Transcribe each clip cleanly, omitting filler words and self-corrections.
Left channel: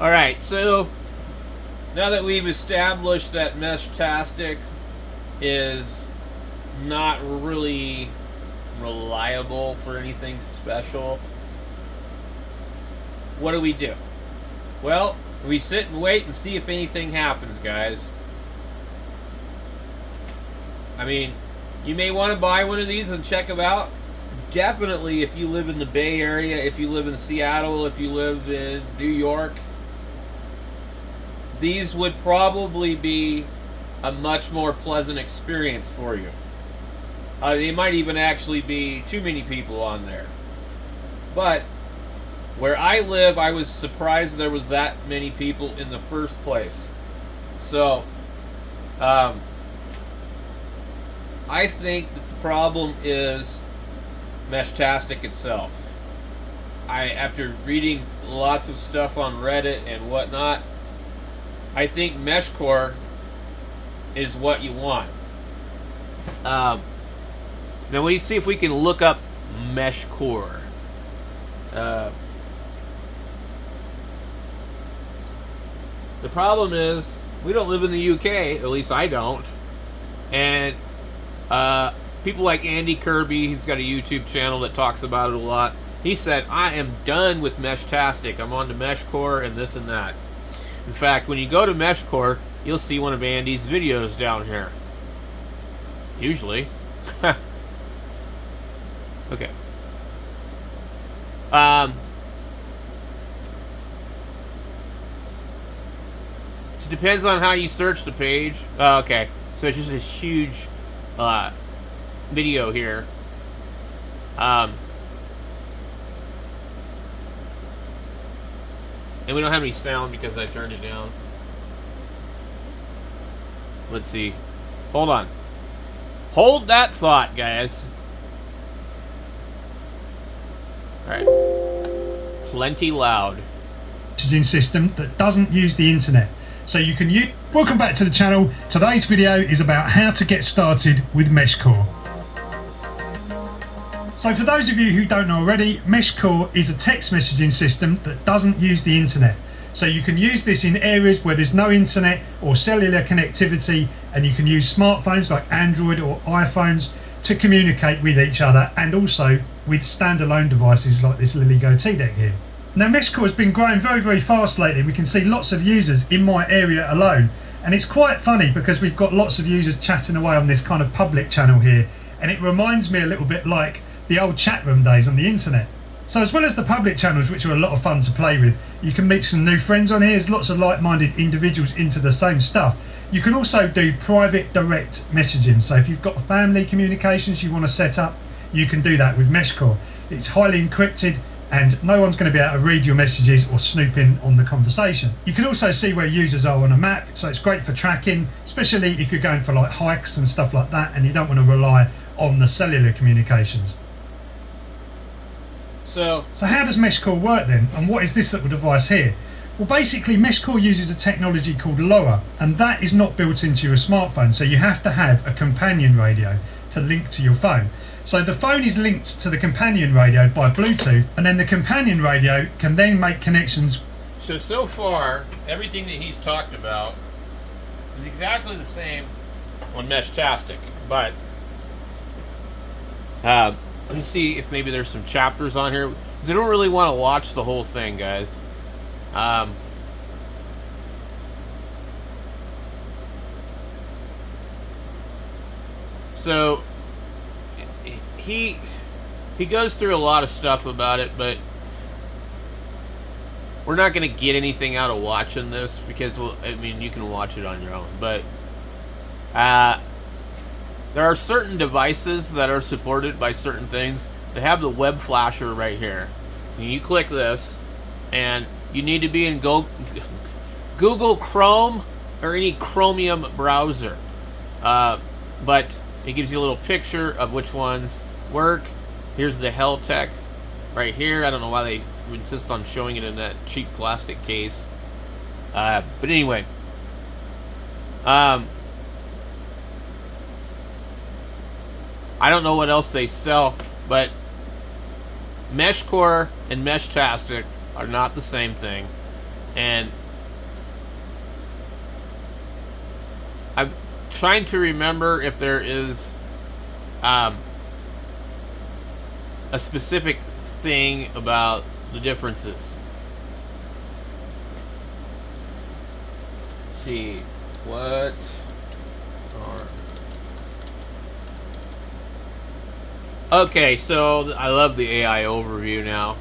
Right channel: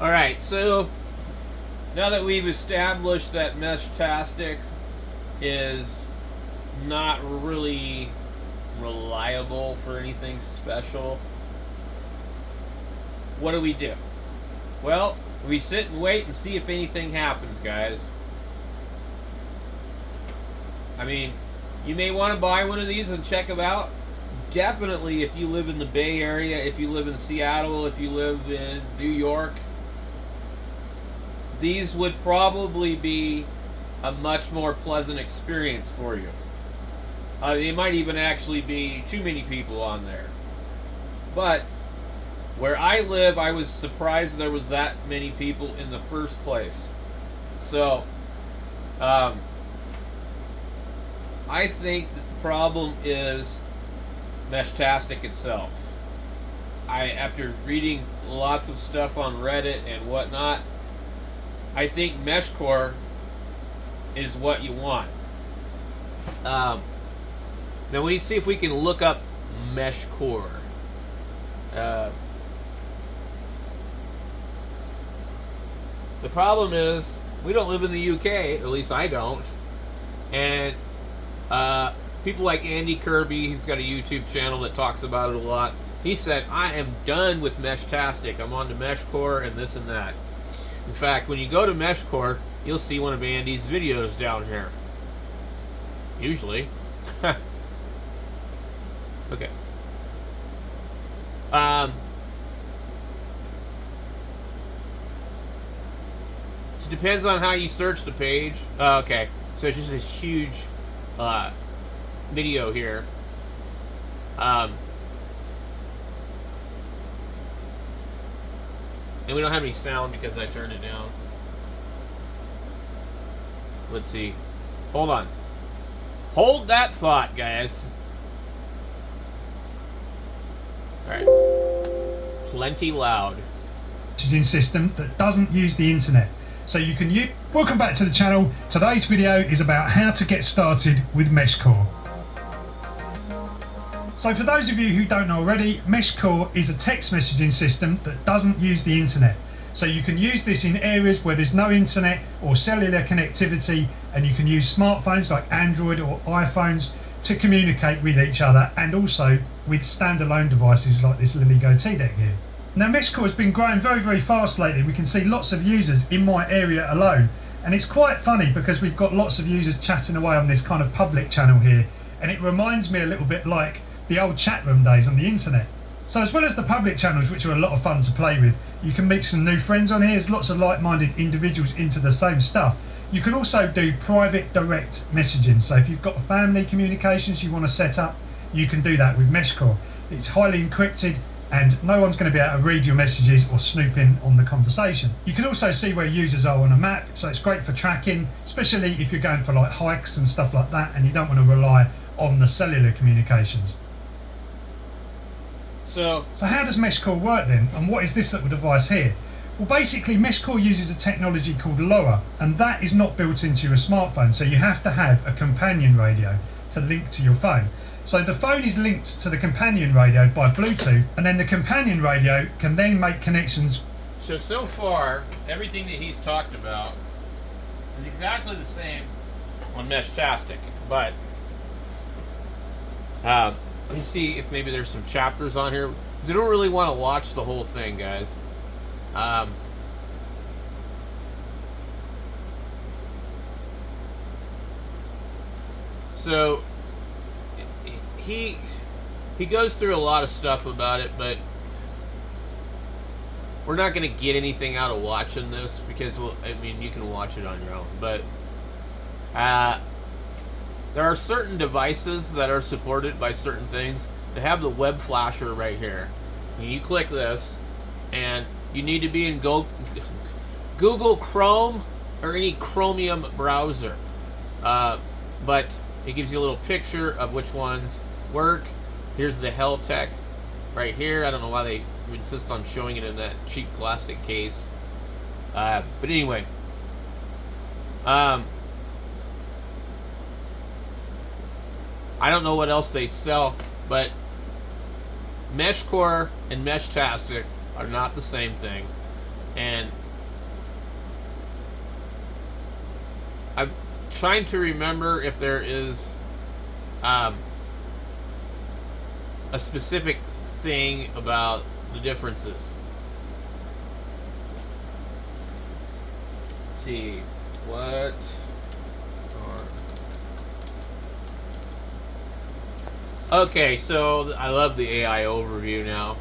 Alright, so now that we've established that meshtastic is not really reliable for anything special, what do? Well, we sit and wait and see if anything happens, guys. I mean, you may want to buy one of these and check them out. Definitely if you live in the Bay Area, if you live in Seattle, if you live in New York, these would probably be a much more pleasant experience for you. They might even actually be too many people on there. But where I live, I was surprised there was that many people in the first place. So, I think that the problem is meshtastic itself. After reading lots of stuff on Reddit and whatnot, I think meshcore is what you want. Now we see if we can look up meshcore. The problem is we don't live in the UK, at least I don't, and people like Andy Kirby, he's got a YouTube channel that talks about it a lot. He said, I am done with meshtastic. I'm on to meshcore and this and that. In fact, when you go to meshcore, you'll see one of Andy's videos down here. Usually. Okay. So it depends on how you search the page. Okay. So it's just this huge video here. And we don't have any sound because I turned it down. Let's see. Hold on. Hold that thought, guys. Alright. Plenty loud. Messaging system that doesn't use the internet. So you can use... Welcome back to the channel. Today's video is about how to get started with meshcore. So for those of you who don't know already, meshcore is a text messaging system that doesn't use the internet. So you can use this in areas where there's no internet or cellular connectivity, and you can use smartphones like Android or iPhones to communicate with each other, and also with standalone devices like this LilyGo T-Deck here. Now meshcore has been growing very, very fast lately. We can see lots of users in my area alone, and it's quite funny because we've got lots of users chatting away on this kind of public channel here, and it reminds me a little bit like the old chat room days on the internet. So as well as the public channels, which are a lot of fun to play with, you can meet some new friends on here. There's lots of like-minded individuals into the same stuff. You can also do private direct messaging. So if you've got family communications you want to set up, you can do that with meshcore. It's highly encrypted and no one's going to be able to read your messages or snoop in on the conversation. You can also see where users are on a map, so it's great for tracking, especially if you're going for like hikes and stuff like that and you don't want to rely on the cellular communications. So how does meshcore work then, and what is this little device here? Well, basically meshcore uses a technology called LoRa, and that is not built into your smartphone, so you have to have a companion radio to link to your phone. So the phone is linked to the companion radio by Bluetooth, and then the companion radio can then make connections. So far, everything that he's talked about is exactly the same on meshtastic, but let's see if maybe there's some chapters on here. They don't really want to watch the whole thing, guys. So he goes through a lot of stuff about it, but we're not going to get anything out of watching this because, well, I mean, you can watch it on your own, but there are certain devices that are supported by certain things that have the web flasher right here. And you click this, and you need to be in Google Chrome or any Chromium browser. But it gives you a little picture of which ones work. Here's the Heltec right here. I don't know why they insist on showing it in that cheap plastic case. But anyway. I don't know what else they sell, but meshcore and meshtastic are not the same thing. And I'm trying to remember if there is a specific thing about the differences. Let's see what. Okay, so I love the AI overview now.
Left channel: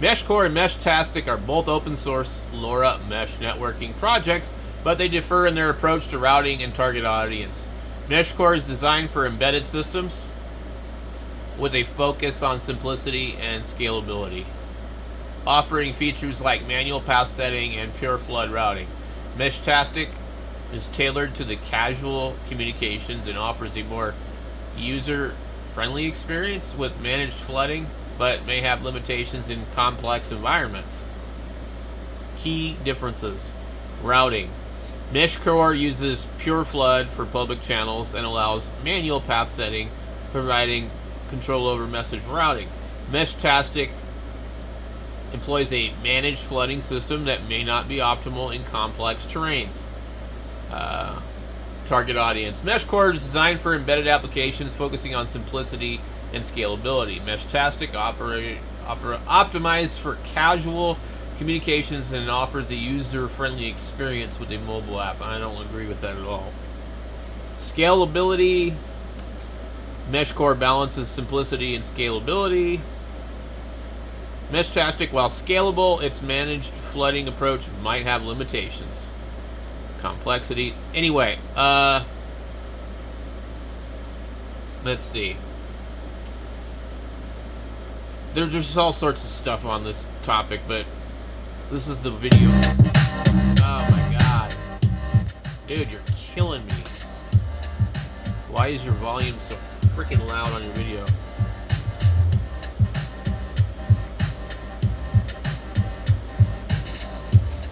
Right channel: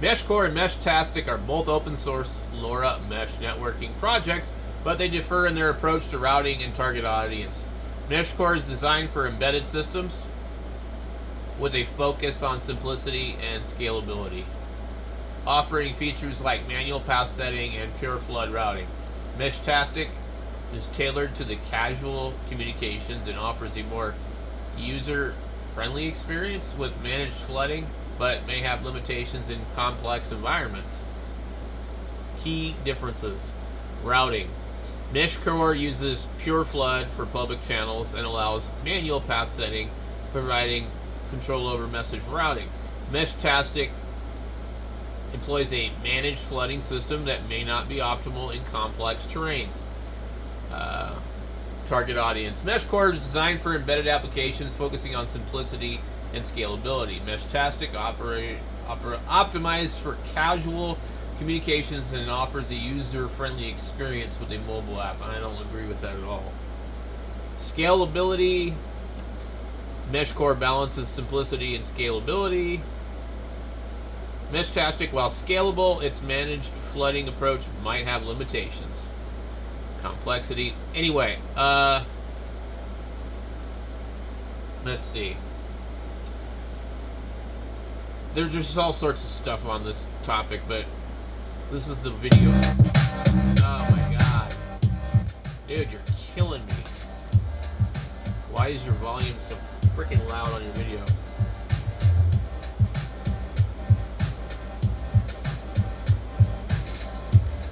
MeshCore and meshtastic are both open source LoRa mesh networking projects, but they differ in their approach to routing and target audience. MeshCore is designed for embedded systems with a focus on simplicity and scalability, offering features like manual path setting and pure flood routing. Meshtastic is tailored to the casual communications and offers a more user-friendly experience with managed flooding, but may have limitations in complex environments. Key differences. Routing. MeshCore uses pure flood for public channels and allows manual path setting, providing control over message routing. Meshtastic employs a managed flooding system that may not be optimal in complex terrains. Target audience. MeshCore is designed for embedded applications focusing on simplicity and scalability. Meshtastic optimized for casual communications and offers a user-friendly experience with a mobile app. I don't agree with that at all. Scalability. MeshCore balances simplicity and scalability. Meshtastic, while scalable, its managed flooding approach might have limitations. Complexity. Anyway, let's see. There's just all sorts of stuff on this topic, but this is the video. Oh my god. Dude, you're killing me. Why is your volume so freaking loud on your video?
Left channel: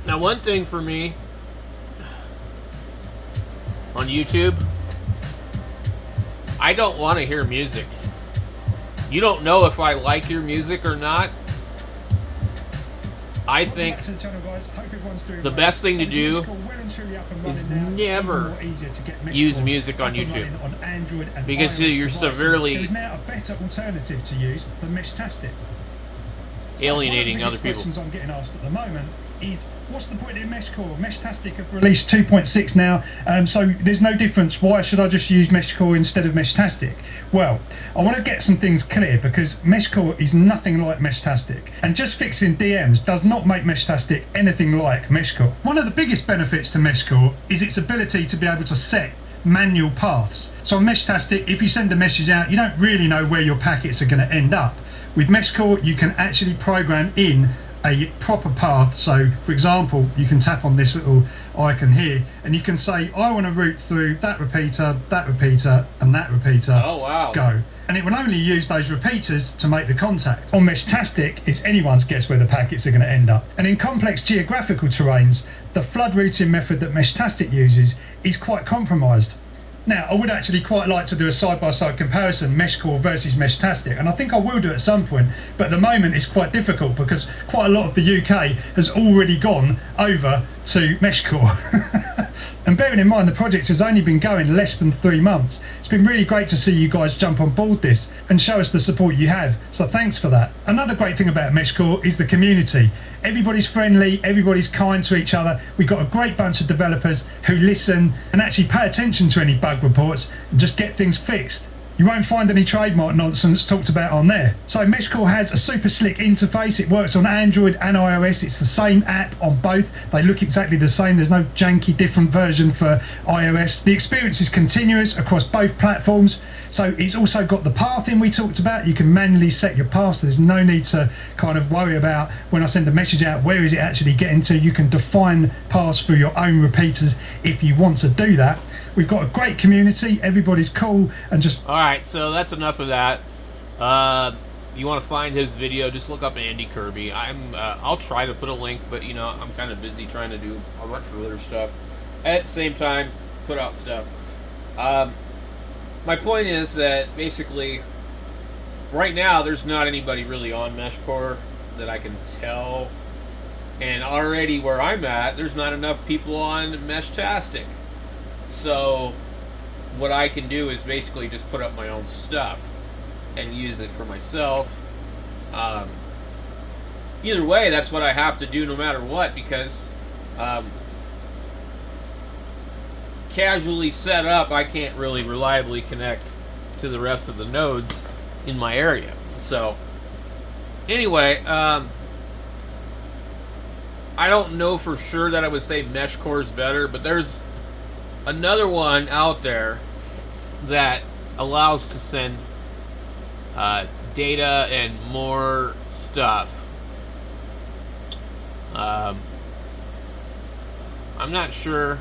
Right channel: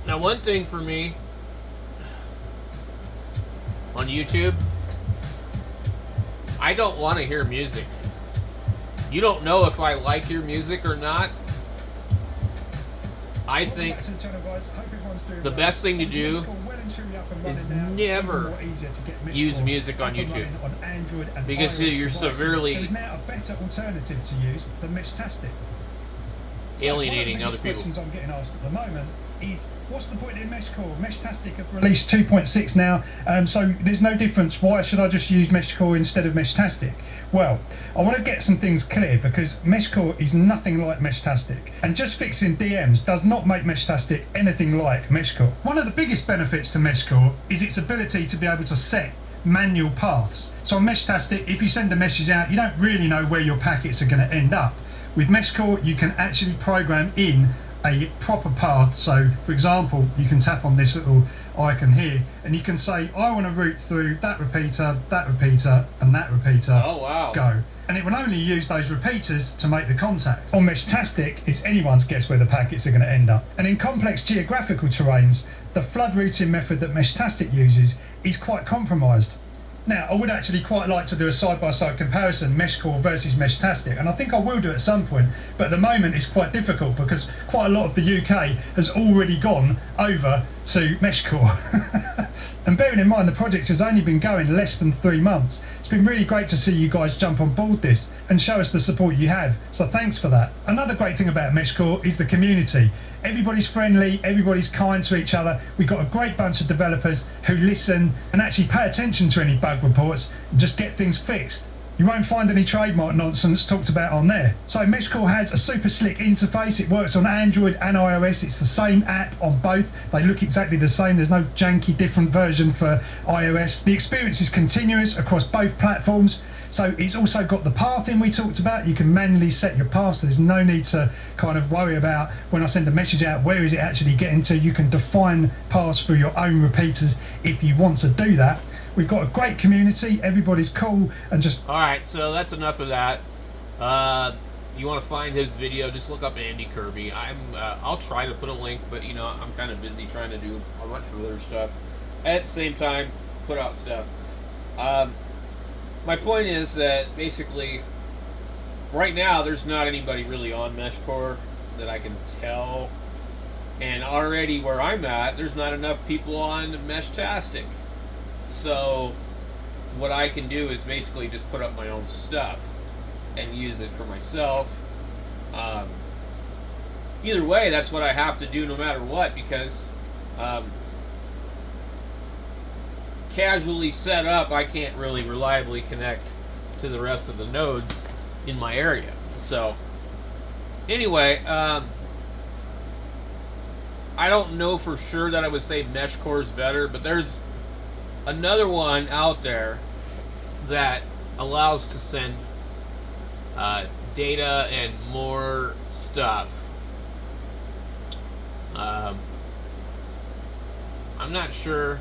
Now, one thing for me on YouTube, I don't want to hear music. You don't know if I like your music or not. I think the best thing to do is never use music on YouTube because you're severely alienating other people. I'm getting asked at the moment is, what's the point in MeshCore? Meshtastic have released 2.6 now, so there's no difference. Why should I just use MeshCore instead of Meshtastic? Well, I want to get some things clear because MeshCore is nothing like Meshtastic, and just fixing DMs does not make Meshtastic anything like MeshCore. One of the biggest benefits to MeshCore is its ability to be able to set manual paths. So on Meshtastic, if you send a message out, you don't really know where your packets are going to end up. With MeshCore, you can actually program in a proper path. So for example, you can tap on this little icon here and you can say, I want to route through that repeater, and that repeater. Oh wow. Go. And it will only use those repeaters to make the contact. On Meshtastic, it's anyone's guess where the packets are going to end up. And in complex geographical terrains, the flood routing method that Meshtastic uses is quite compromised. Now, I would actually quite like to do a side-by-side comparison, MeshCore versus Meshtastic, and I think I will do at some point, but at the moment it's quite difficult because quite a lot of the UK has already gone over to MeshCore. And bearing in mind the project has only been going less than 3 months, it's been really great to see you guys jump on board this and show us the support you have, so thanks for that. Another great thing about MeshCore is the community. Everybody's friendly, everybody's kind to each other. We've got a great bunch of developers who listen and actually pay attention to any bug reports and just get things fixed. You won't find any trademark nonsense talked about on there. So MeshCore has a super slick interface. It works on Android and iOS. It's the same app on both. They look exactly the same. There's no janky different version for iOS. The experience is continuous across both platforms. So it's also got the pathing we talked about. You can manually set your paths. There's no need to kind of worry about when I send a message out, where is it actually getting to? You can define paths for your own repeaters if you want to do that. We've got a great community. Everybody's cool and just... All right, so that's enough of that. You want to find his video, just look up Andy Kirby. I'll try to put a link, but you know, I'm kind of busy trying to do a bunch of other stuff. At the same time, put out stuff. My point is that basically, right now, there's not anybody really on MeshCore that I can tell. And already where I'm at, there's not enough people on meshtastic. So what I can do is basically just put up my own stuff and use it for myself. Either way, that's what I have to do no matter what, because casually set up, I can't really reliably connect to the rest of the nodes in my area. So anyway, I don't know for sure that I would say mesh core is better, but there's another one out there that allows to send data and more stuff. I'm not sure.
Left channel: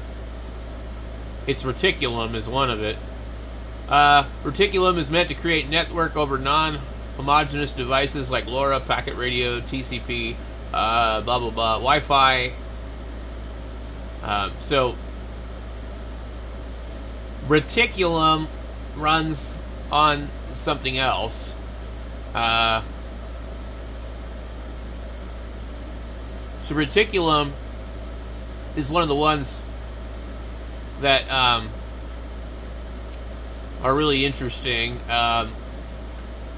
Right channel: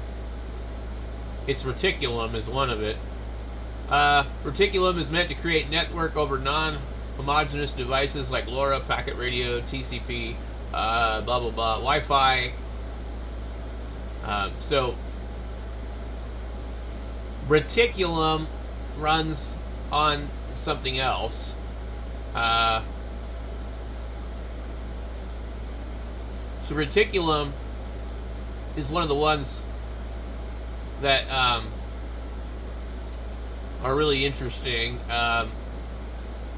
It's Reticulum is one of it. Reticulum is meant to create network over non-homogeneous devices like LoRa, packet radio, TCP, blah blah blah, Wi-Fi. So Reticulum runs on something else. So Reticulum is one of the ones that are really interesting, and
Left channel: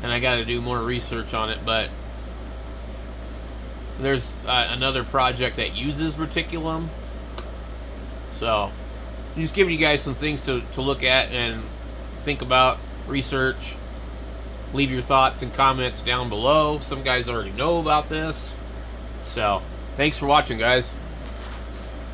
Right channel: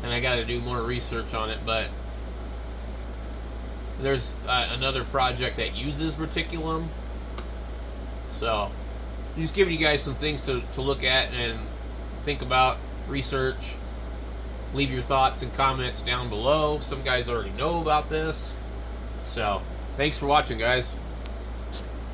I got to do more research on it. But there's another project that uses Reticulum, so I'm just giving you guys some things to look at and think about, research. Leave your thoughts and comments down below. Some guys already know about this. So thanks for watching, guys.